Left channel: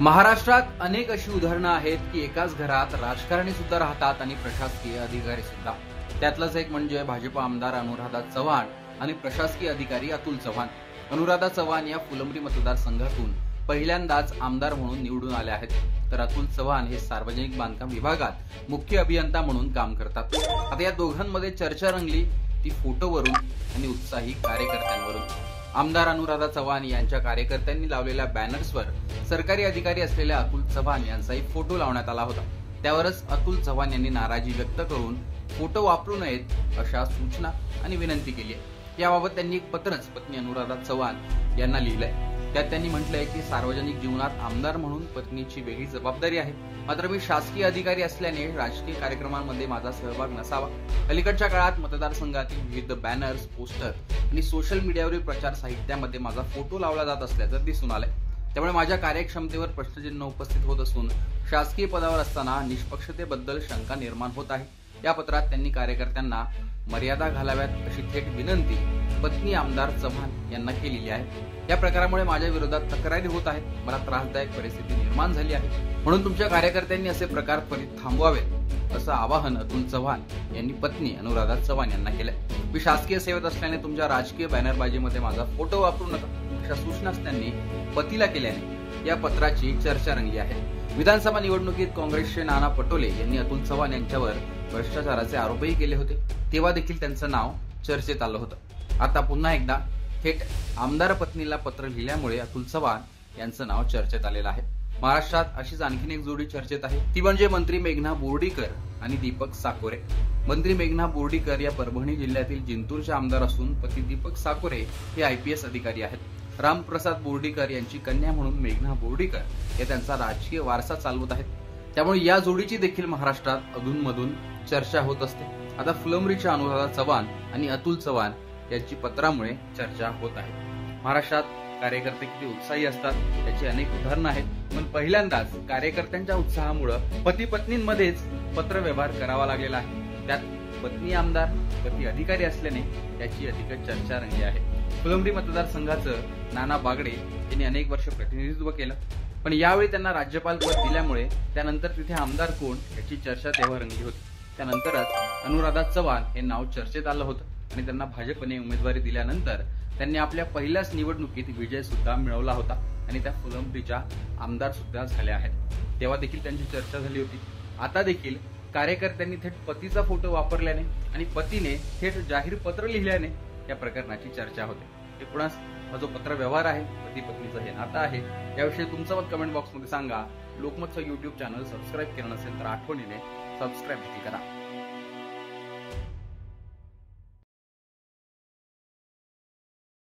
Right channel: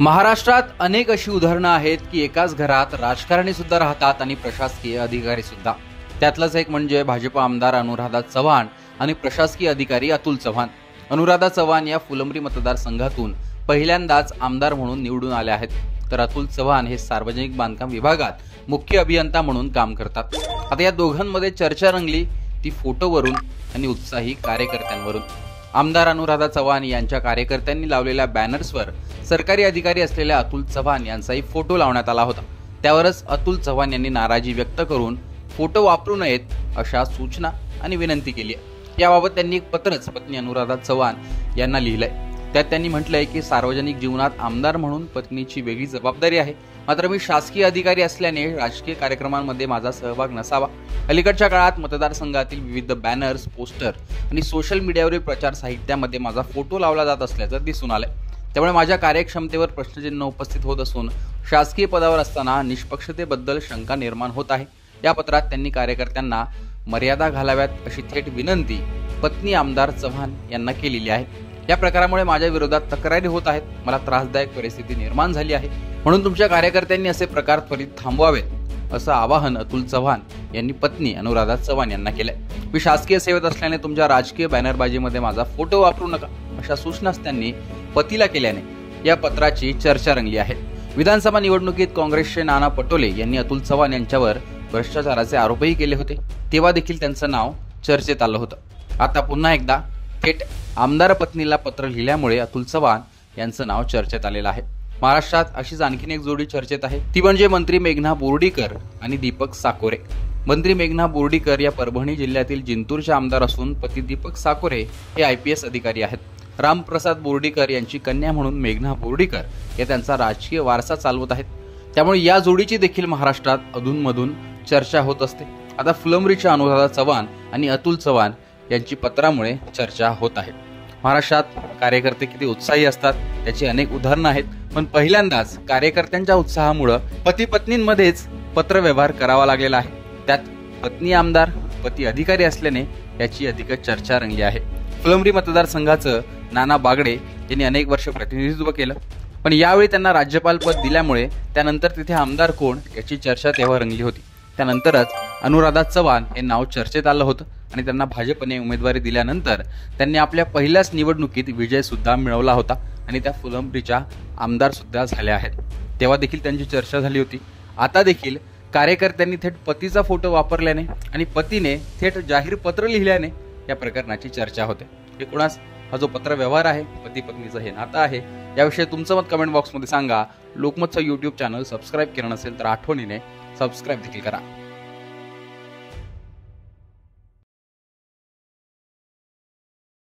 महाराष्ट्रात अनेक अशी उदाहरणं आहेत की एकाच घरात राजकारणी सुद्धा राहतात आणि प्रशासकीय अधिकारी सुद्धा। त्यातलंच एक म्हणजे भाजप आमदार अनुराधा चव्हाण आणि प्रशासकीय अधिकारी अतुल चव्हाण। अनुराधा चव्हाण या फुलंब्री मतदारसंघातून पहिल्यांदाच आमदार म्हणून निवडून आले आहेत, तर अतुल चव्हाण हे सार्वजनिक बांधकाम विभागात मुख्य अभियंता म्हणून काम करतात। आता या दोघांमध्ये चर्चा रंगली ती फोटोवरून आणि उत्साही कार्यकर्त्यांवरून। आमदार अनुराधा चव्हाण यांच्या कार्यकर्त्यांनी लावलेल्या बॅनर्सवर सरकारी अधिकारी असलेल्या अतुल चव्हाण यांचाही फोटो लावण्यात आला होता। त्यावरच अतुल चव्हाण यांनी नाराजी व्यक्त करून फोटो वापरू नयेत अशा सूचना आणि विनंती केली आहे। याबाबत त्यांनी एक पत्रच पत्नी अनुराधा चव्हाण यांना लिहिलंय। त्यात त्यांनी म्हटलंय की सार्वजनिक जीवनात आमदार म्हणून पत्नीची वेगळी जबाबदारी आहे, मात्र मी शासकीय अधिकारी असल्याने राजकीय कार्यक्रमांमध्ये माझा सहभाग नसावा। अलीकडच्या काळात मतदारसंघातील विविध बॅनर्स, पोस्टर आणि सोशल मीडियावरील प्रचार साहित्यामध्ये माझा फोटो लावला जात असल्याचं दिसून आलंय। त्यामुळे माझ्या कार्यक्षमतेवर प्रश्नचिन्ह उपस्थित होत असून शासकीय पदावर असताना निष्पक्षतेबद्दल शंका निर्माण होत आहे। या पत्रात त्यांनी कार्यकर्त्यांना मर्यादा घालाव्यात अशी थेट विनंती पत्नी आमदार चव्हाण यांना केलेली आहे। या प्रकारामुळे माझ्या विरोधात तक्रारी होत आहेत, मला त्रासदायक परिस्थिती निर्माण झाली आहे, म्हणून तुमच्या कार्यकर्त्यांनी असे प्रकार त्वरित थांबवावेत असं आवाहन अतुल चव्हाण यांनी पत्नी अनुराधा चव्हाण यांना केलंय। मी शासकीय सेवेत असल्याने तुमच्या राजकीय बॅनरबाजीमध्ये माझा फोटो वापरू नका अशा सूचनाच त्यांनी पतीला केल्याने या पत्राची चर्चा रंगली आहे। विधानसभा निवडणुकीत काँग्रेसचे नाना पटोले यांनी अतुल चव्हाण यांच्यावर भ्रष्टाचाराचे आरोपही केले होते, तेव्हा देखील त्यांचं नाव चर्चेत आलं होतं। आता पुन्हा एकदा थेट आमदार पत्नीला पत्र लिहिल्यामुळे अतुल चव्हाण यांचं नाव चर्चेत आलेलं आहे। महाराष्ट्रात अशीच आणखीन एक जोडी चर्चेत आहे, ती म्हणजे मंत्री मेघना बोर्डीकर आणि दीपक साकोरे। मंत्री मेघना बोर्डीकर या परभणी जिल्ह्यातील जिंतूरचे आमदार असून पती दीपक साकोरे हे IPS अधिकारी आहेत। रामप्रसाद बोर्डीकर यांची कन्या म्हणून मेघना बोर्डीकर हे त्यांचा राजकीय वारसा चालवत आहेत। त्यामुळे या जोडीची देखील महाराष्ट्रात अधूनमधून चर्चा होत असते। आता फुलंब्रीच्या अनुराधा चव्हाण आणि अतुल चव्हाण यांची पत्रामुळे चर्चा होत आहे। महाराष्ट्रात कार्यकर्ते किती उत्साही असतात त्याची अनेक उदाहरणं आहेत, पण पहिल्यांदाच कार्यकर्त्यांच्या उत्साहामुळे पती पत्नींमध्येच पत्र व्यवहार करावा लागलेला आहे। त्यात पत्नी आमदार, पती अधिकारी असल्याने याची अधिक चर्चा रंगली आहे। फुलंब्री मतदारसंघाचं नाना बागडे यांनी अनेक वर्ष प्रतिनिधित्व केलं, पण यावेळी त्यांना राज्यपाल पद दिल्यामुळे त्यानंतर तिथे आमदार कोण याची चर्चा तेव्हा रंगली होती। त्यानंतरच अनुराधा चव्हाण हे नाव चर्चेत आलं होतं आणि त्यांना भाजपने उमेदवारी दिल्यानंतर त्यांनी आपल्या पहिल्याच निवडणुकीत विजय सुद्धा मिळवला होता आणि त्या फुलंब्रीच्या आमदार सुद्धा झाल्या आहेत। तेव्हा देखील त्यांची चर्चा झाली होती। आता देखील कार्यकर्त्यांनी थेट पतीचा फोटो वापरल्याने आणि पतीने थेट जाहीर पत्र लिहिल्याने या प्रकरणाची चर्चा होते। एकूणच हा जो पत्र व्यवहार आहे, पती पत्नीचं हे नातं आहे, याविषयी तुमचं मत कमेंट बॉक्समध्ये सांगा। लोकमतचं YouTube चॅनल सबस्क्राईब केलं नसेल तर आठवणीने सबस्क्राईब देखील करा।